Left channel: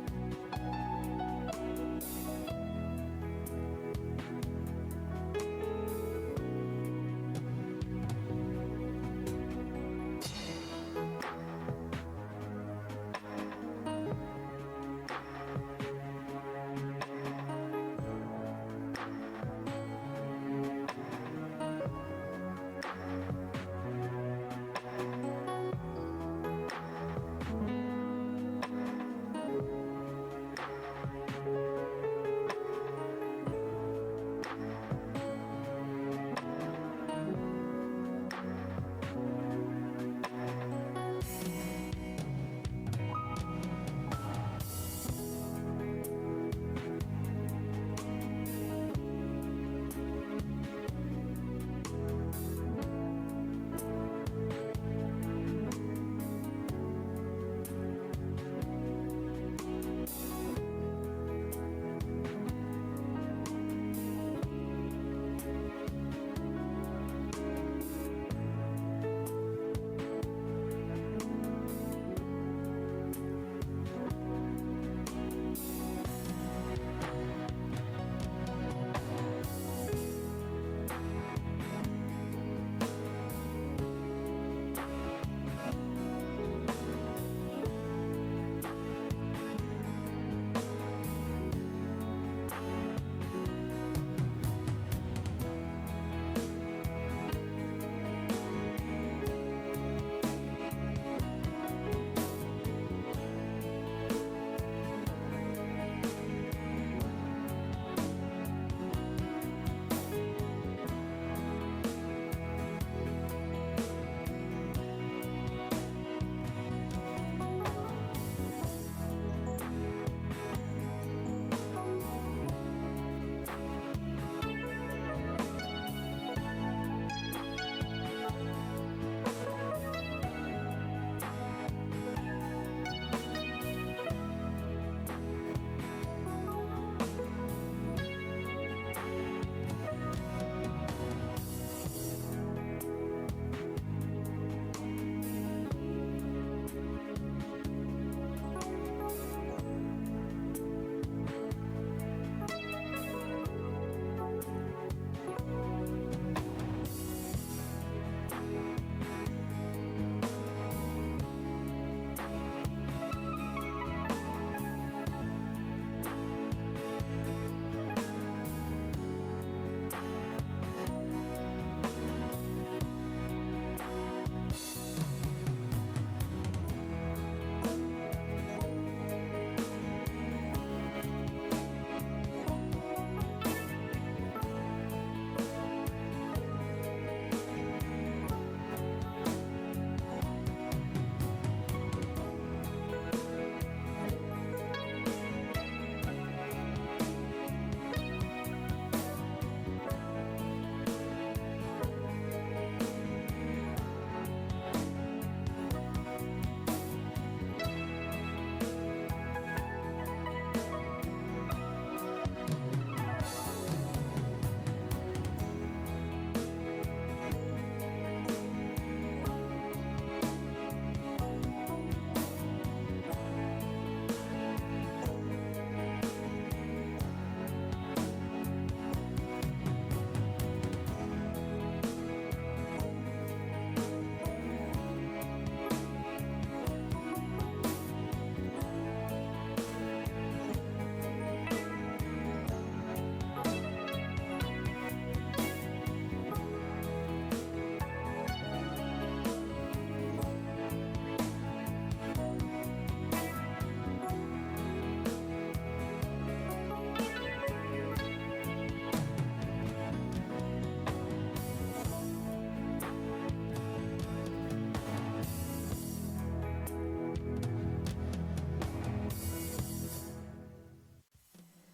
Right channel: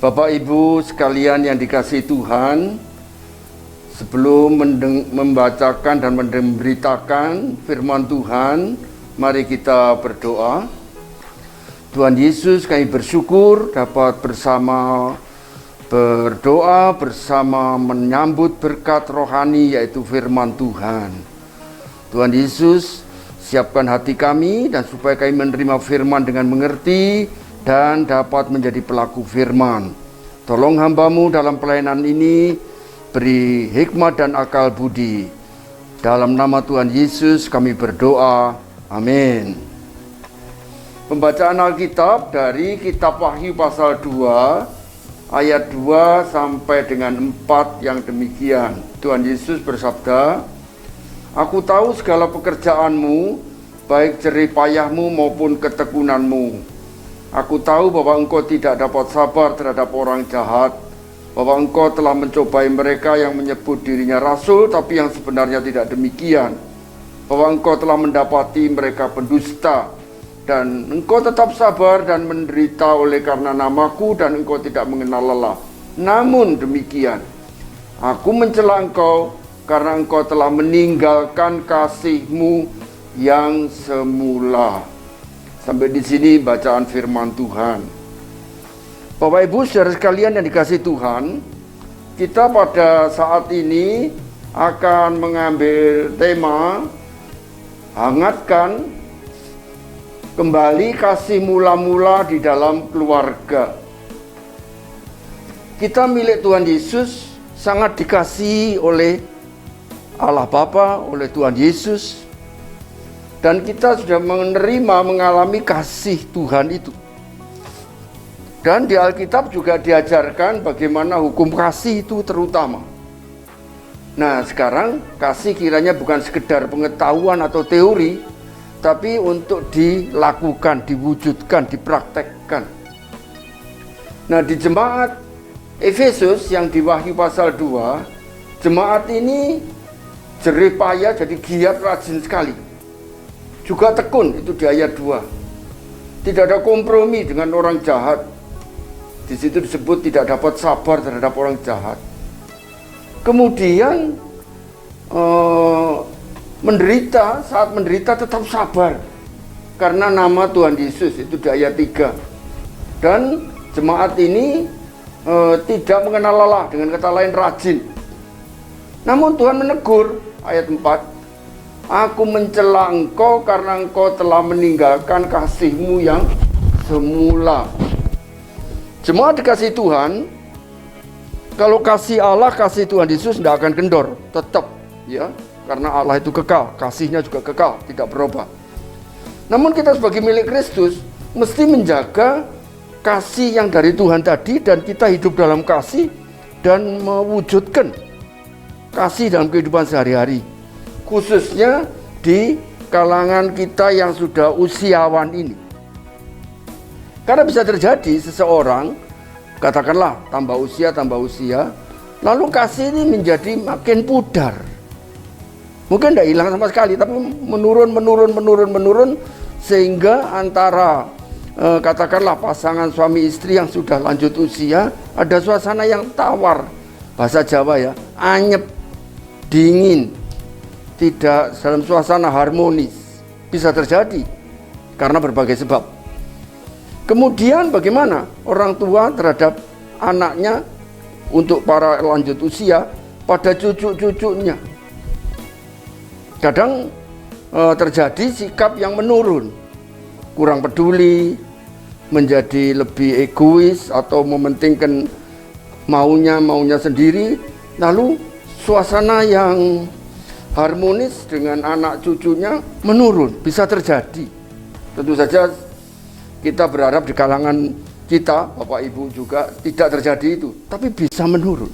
Bapak Ibu sekalian yang dikasihi Tuhan, sebelum membacakan dan memberitakan firman Tuhan, mari kita berdoa. Tuhan Yesus, kami bersyukur dapat bersama berdoa, bersama menyambut berkat rohani yaitu firman Tuhan. Tuhan Yesus, siapkan hati kami dan supaya kami menerima firman dengan mengerti dan dapat menjadi pelaku firman. Tolong hamba-Mu dalam pelayanan ini, beri hikmat dan akal budi. Dalam nama Tuhan Yesus kami berdoa, amin. Pembacaan Alkitab dari kitab Wahyu pasal 2, ayat 2 sampai dengan 4 yang demikian. Tuhan Yesus bersabda, "Aku tahu segala pekerjaanmu, baik jerih payahmu maupun ketekunanmu. Aku tahu bahwa engkau tidak dapat sabar terhadap orang jahat, bahwa engkau telah mencobai mereka yang menyebut dirinya rasul, tapi yang sebenarnya tidak demikian, bahwa engkau telah mendapati mereka pendusta, dan engkau tetap sabar dan menderita oleh karena namaku, dan engkau tidak mengenal lelah. Namun demikian, aku mencela engkau karena engkau telah meninggalkan kasihmu yang semula." Sampai di sini bacaan firman Tuhan. Bapak Ibu saudara sekalian yang dikasihi Tuhan, kita pada saat ini akan mengambil tema hangatkan kembali kasih mula-mula di dalam keluarga. Kita milik Tuhan Yesus, sangat dikasihi oleh Allah Bapa, oleh Tuhan Yesus. Dan kita sudah mengalami kasih Tuhan itu. Dan di Alkitab juga diajarkan bagaimana hukum kasih itu terutama. Nah sekarang kasih kiranya bukan sekedar pengetahuan atau teori, tapi untuk dilakukan, diwujudkan, dipraktekkan. Nah di jemaat Efesus yang di Wahyu pasal 2, jemaat ini jerih payah, jadi giat, rajin sekali. Juga tekun, itu di ayat 2. Tidak ada kompromi dengan orang jahat. Di situ disebut tidak dapat sabar terhadap orang jahat. Kemudian menderita, saat menderita tetap sabar karena nama Tuhan Yesus, itu di ayat 3. Dan jemaat ini tidak mengenal lelah, dengan kata lain rajin. Namun Tuhan menegur, ayat 4. "Aku mencela engkau karena engkau telah meninggalkan kasihmu yang semula." Jemaat dikasih Tuhan, kalau kasih Allah, kasih Tuhan Yesus tidak akan kendor, tetap ya, karena Allah itu kekal, kasihnya juga kekal, tidak berubah. Namun kita sebagai milik Kristus mesti menjaga kasih yang dari Tuhan tadi, dan kita hidup dalam kasih dan mewujudkan kasih dalam kehidupan sehari-hari, khususnya di kalangan kita yang sudah usiawan ini. Karena bisa terjadi seseorang, katakanlah tambah usia, lalu kasih ini menjadi makin pudar. Mungkin tidak hilang sama sekali, tapi menurun, sehingga antara katakanlah pasangan suami istri yang sudah lanjut usia, ada suasana yang tawar, bahasa Jawa ya, anyep, dingin, tidak dalam suasana harmonis. Bisa terjadi karena berbagai sebab. Kemudian bagaimana orang tua terhadap anaknya, untuk para lanjut usia, pada cucu-cucunya. Kadang terjadi sikap yang menurun, kurang peduli, menjadi lebih egois atau mementingkan maunya sendiri. Lalu suasana yang harmonis dengan anak cucunya menurun, bisa terjadi. Tentu saja kita berharap di kalangan kita, Bapak Ibu juga tidak terjadi itu, tapi bisa menurun.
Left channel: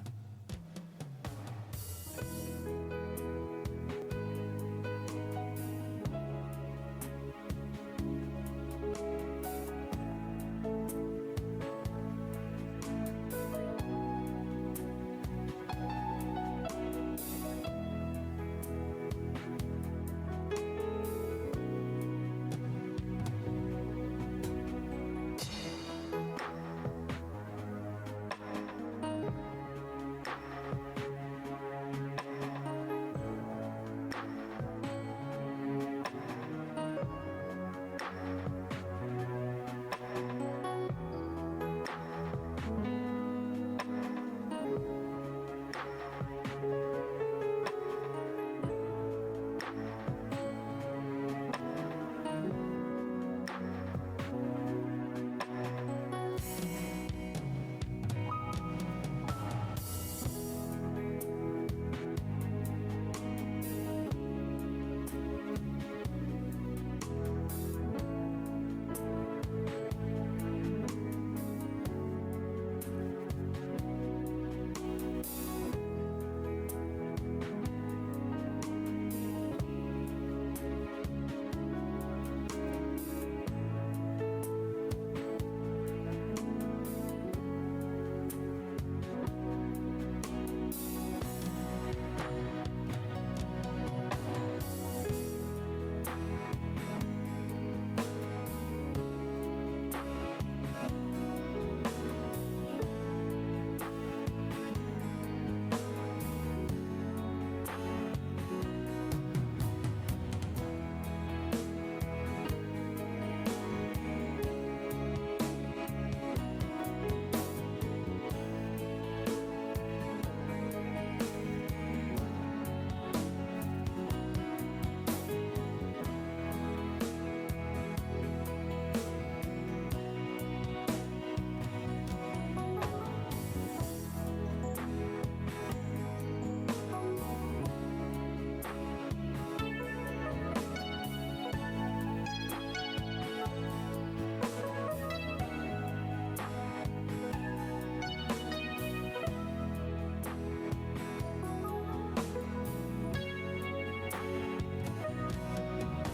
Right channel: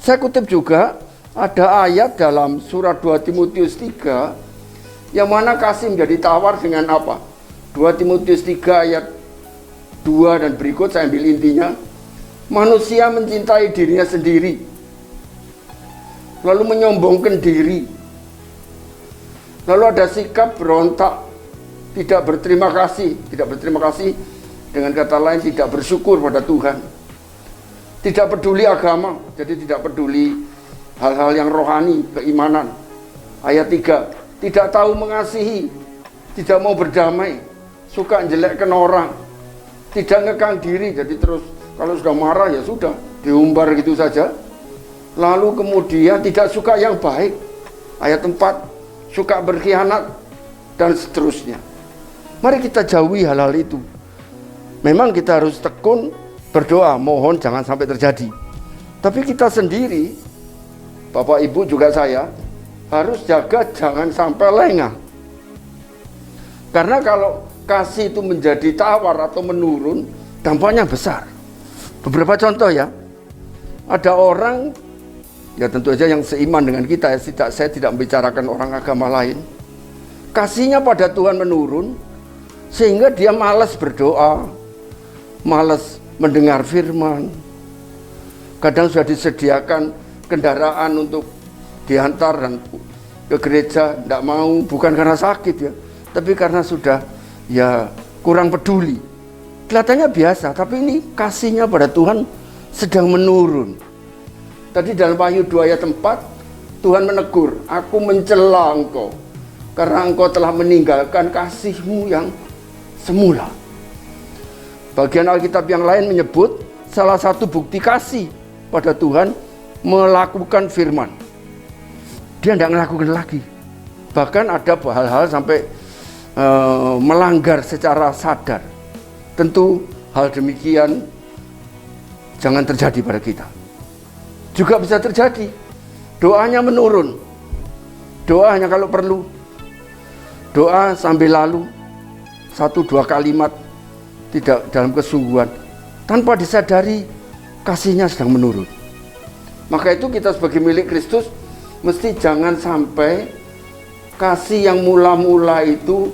Saya kutip juga ada ayat dalam surat 2 Timotius 3 yang mana kasih menjadi tawar dengan apa? 2 Timotius 3 ayat 2 dan berikut, saya ambil intinya. Manusia mencintai dirinya sendiri, lalu menyombongkan diri, lalu ada sikap berontak, tidak berterima kasih, dengan kata lain tidak bersyukur pada Tuhan. Tidak peduli agama, jadi tidak peduli hal-hal yang rohani, keimanan. Ayat 3, tidak tahu mengasihi, tidak mau berdamai, suka jelekkan orang, tidak ngekang diri, jadi terus kalau sudah marah ya sudah, diumbar gitu saja. Lalu kemudian tidak suka yang baik. Ayat 4, suka berkhianat, dan seterusnya. Mari kita jauhi hal-hal itu. Memang kita harus tekun berdoa, mohon jangan sampai terjadi. Tapi kita sendiri, Bapak Ibu juga saya, harus jaga jangan sampai lengah. Karena kalau kasih itu menjadi tawar atau menurun, dampaknya besar. Beberapa contoh ya, ada orang, ya tentu saja yang seiman dengan kita, saya tidak membicarakan orang agama lain. Kasihnya pada Tuhan menurun, sehingga dia malas berdoa, malas mendengar firman. Kadang sudah disediakan kendaraan untuk diantar dan ke gereja, tidak mau, bukan karena sakit ya, tapi karena sudah ya kurang peduli. Kelihatannya biasa, tapi ini kasihnya pada Tuhan sedang menurun. Tadi dalam Wahyu 2 ayat 4, Tuhan menegur, aku mencela engkau, karena engkau telah meninggalkan kasihmu yang semula. Bagian Alkitab yang lain menyebut salah satu bukti kasih pada Tuhan melakukan firman. Dia tidak melakukan lagi. Bahkan ada hal-hal sampai melanggar secara sadar. Tentu hal demikian jangan terjadi pada kita. Juga bisa terjadi. Doanya menurun. Doa hanya kalau perlu. Doa sambil lalu. 1-2 kalimat. Tidak dalam kesungguhan. Tanpa disadari kasihnya sedang menurun. Maka itu kita sebagai milik Kristus mesti jangan sampai kasih yang mula-mula itu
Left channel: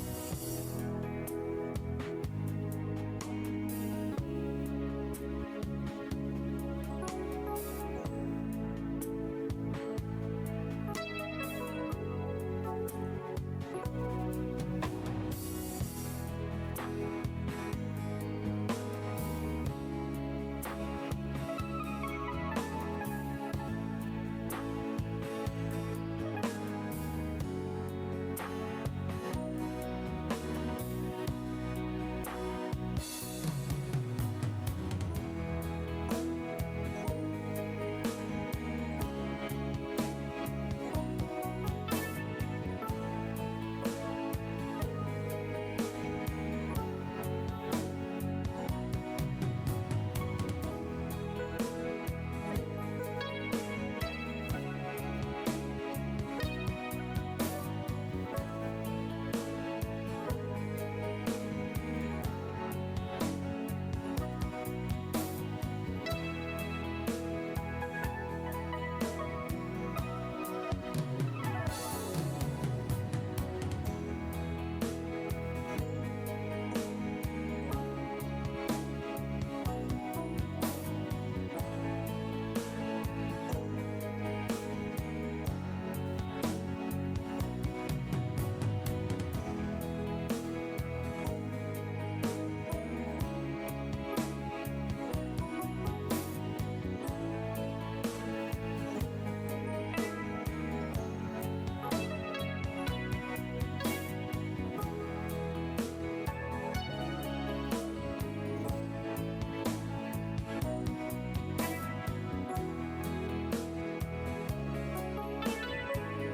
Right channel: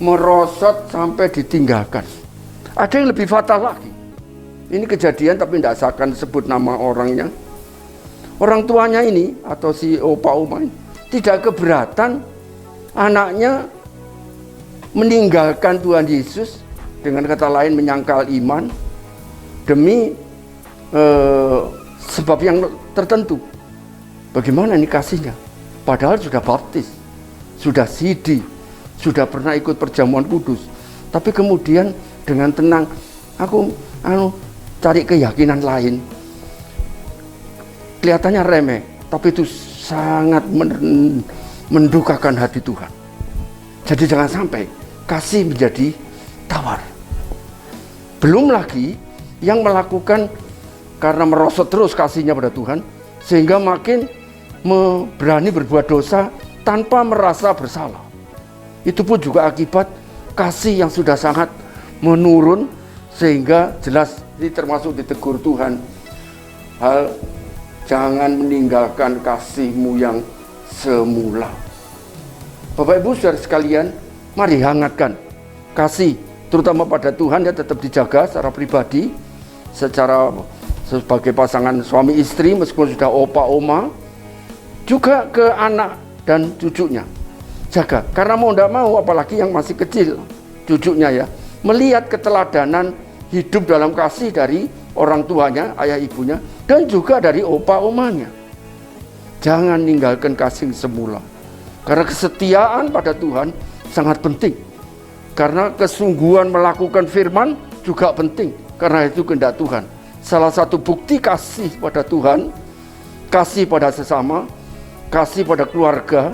merosot sampai ditinggalkan. Ada yang lebih fatal lagi. Ini kejadian tapi tidak akan sebut nama orangnya. Orang tuanya ini atau si opa oma ini tidak keberatan anaknya meninggalkan Tuhan Yesus, dengan kata lain menyangkal iman demi sebab yang tertentu. Bagaimana ini kasihnya? Padahal sudah baptis, sudah sidi, sudah pernah ikut perjamuan kudus. Tapi kemudian dengan tenang, aku cari keyakinan lain. Kelihatannya remeh, tapi itu sangat mendukakan hati Tuhan. Jadi jangan sampai kasih menjadi tawar. Belum lagi yang melakukan karena merosot terus kasihnya pada Tuhan, sehingga makin berani berbuat dosa tanpa merasa bersalah. Itu pun juga akibat kasih yang sudah sangat menurun, sehingga jelas ini termasuk ditegur Tuhan. Hal jangan meninggalkan kasihmu yang semula. Bapak Ibu saudara sekalian, mari hangatkan kasih terutama pada Tuhan ya, tetap dijaga secara pribadi, secara sebagai pasangan suami istri meskipun sudah opa oma, juga ke anak dan cucunya. Jaga, karena mau tidak mau apalagi yang masih kecil cucunya ya, melihat keteladanan hidup dalam kasih dari orang tuanya, ayah ibunya, dan juga dari opa omanya. Jangan ninggalkan kasih semula, karena kesetiaan pada Tuhan sangat penting. Karena kesungguhan melakukan firman juga penting, karena itu kehendak Tuhan. Salah satu bukti kasih pada Tuhan, kasih pada sesama, kasih pada keluarga,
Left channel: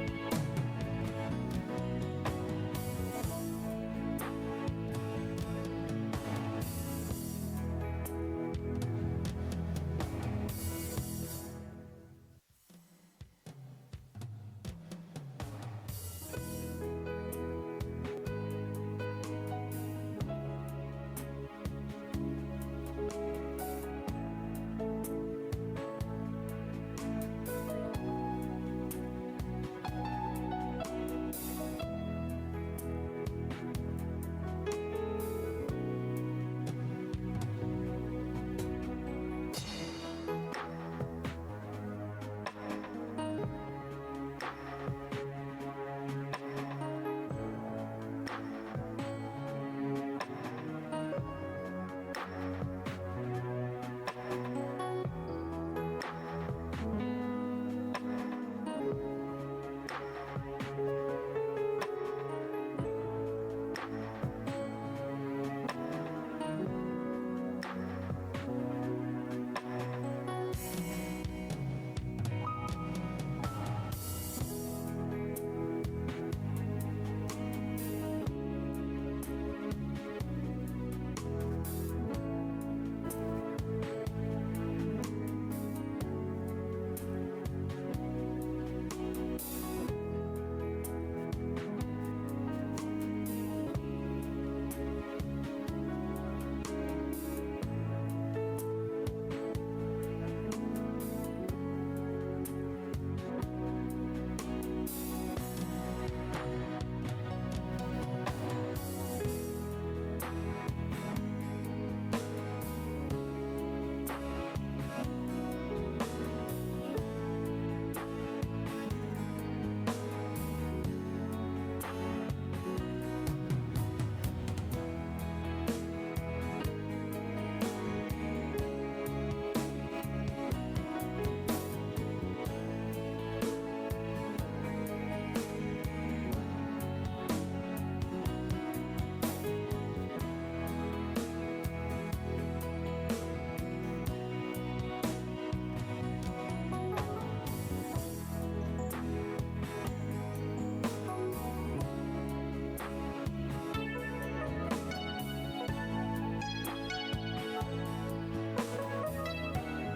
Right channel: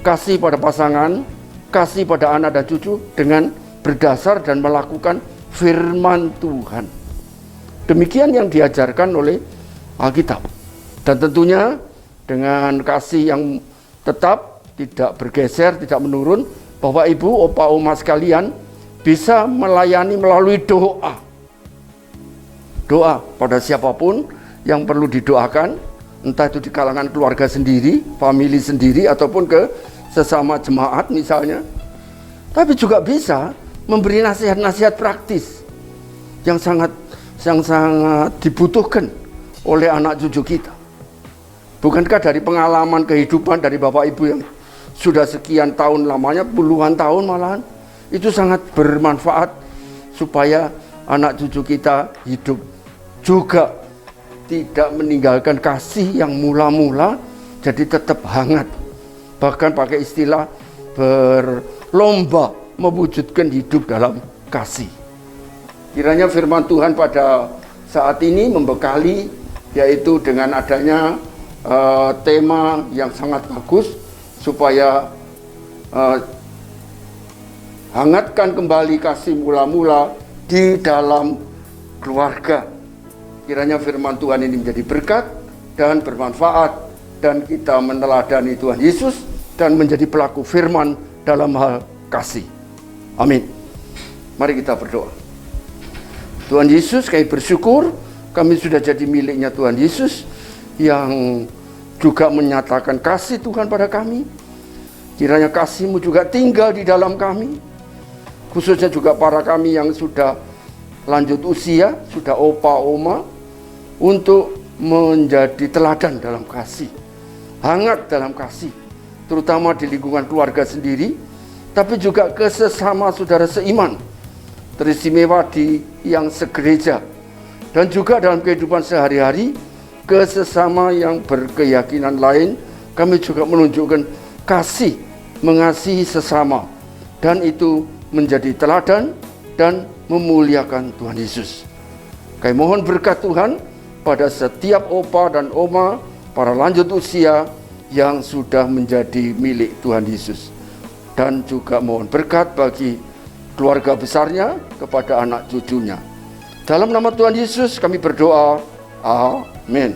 kasih pada pasangan, kasih pada anak dan cucu dengan berdasar dan melakukan firman Tuhan. Demikian yang diajarkan oleh Alkitab. Dan tentunya dengan kasih yang tetap, tidak bergeser, tidak menurun, Bapak Ibu, opa oma sekalian bisa melayani melalui doa. Doa pada siapapun yang perlu didoakan, entah itu di kalangan keluarga sendiri, famili sendiri, ataupun ke sesama jemaat misalnya. Tapi juga bisa memberi nasihat-nasihat praktis yang sangat dibutuhkan oleh anak cucu kita. Bukankah dari pengalaman kehidupan dari Bapak Ibu yang sudah sekian tahun lamanya, puluhan tahun malahan, itu sangat bermanfaat supaya anak cucu kita hidup juga tidak meninggalkan kasih yang mula-mula, jadi tetap hangat. Bahkan pakai istilah berlomba mewujudkan hidup dalam kasih. Kiranya firman Tuhan pada saat ini membekali, yaitu dengan adanya tema yang sangat bagus, supaya hangatkan kembali kasih mula-mula di dalam keluarga. Kiranya firman Tuhan ini menjadi berkat dan bermanfaat, dan kita meneladani Tuhan Yesus dan menjadi pelaku firman dalam hal kasih. Amin. Mari kita berdoa. Tuhan Yesus, kami bersyukur kami sudah jadi miliknya Tuhan Yesus yang juga menyatakan kasih Tuhan pada kami. Kiranya kasih-Mu juga tinggal di dalam kami, khususnya juga para kami yang sudah lanjut usia, sudah opa oma, untuk menjadi teladan dalam kasih, hangat dalam kasih, terutama di lingkungan keluarga sendiri, tapi juga ke sesama saudara seiman, teristimewa di yang segereja, dan juga dalam kehidupan sehari-hari ke sesama yang berkeyakinan lain. Kami juga menunjukkan kasih, mengasihi sesama, dan itu menjadi teladan dan memuliakan Tuhan Yesus. Kami mohon berkat Tuhan pada setiap opa dan oma, para lanjut usia yang sudah menjadi milik Tuhan Yesus. Dan juga mohon berkat bagi keluarga besarnya, kepada anak cucunya. Dalam nama Tuhan Yesus kami berdoa. Amin.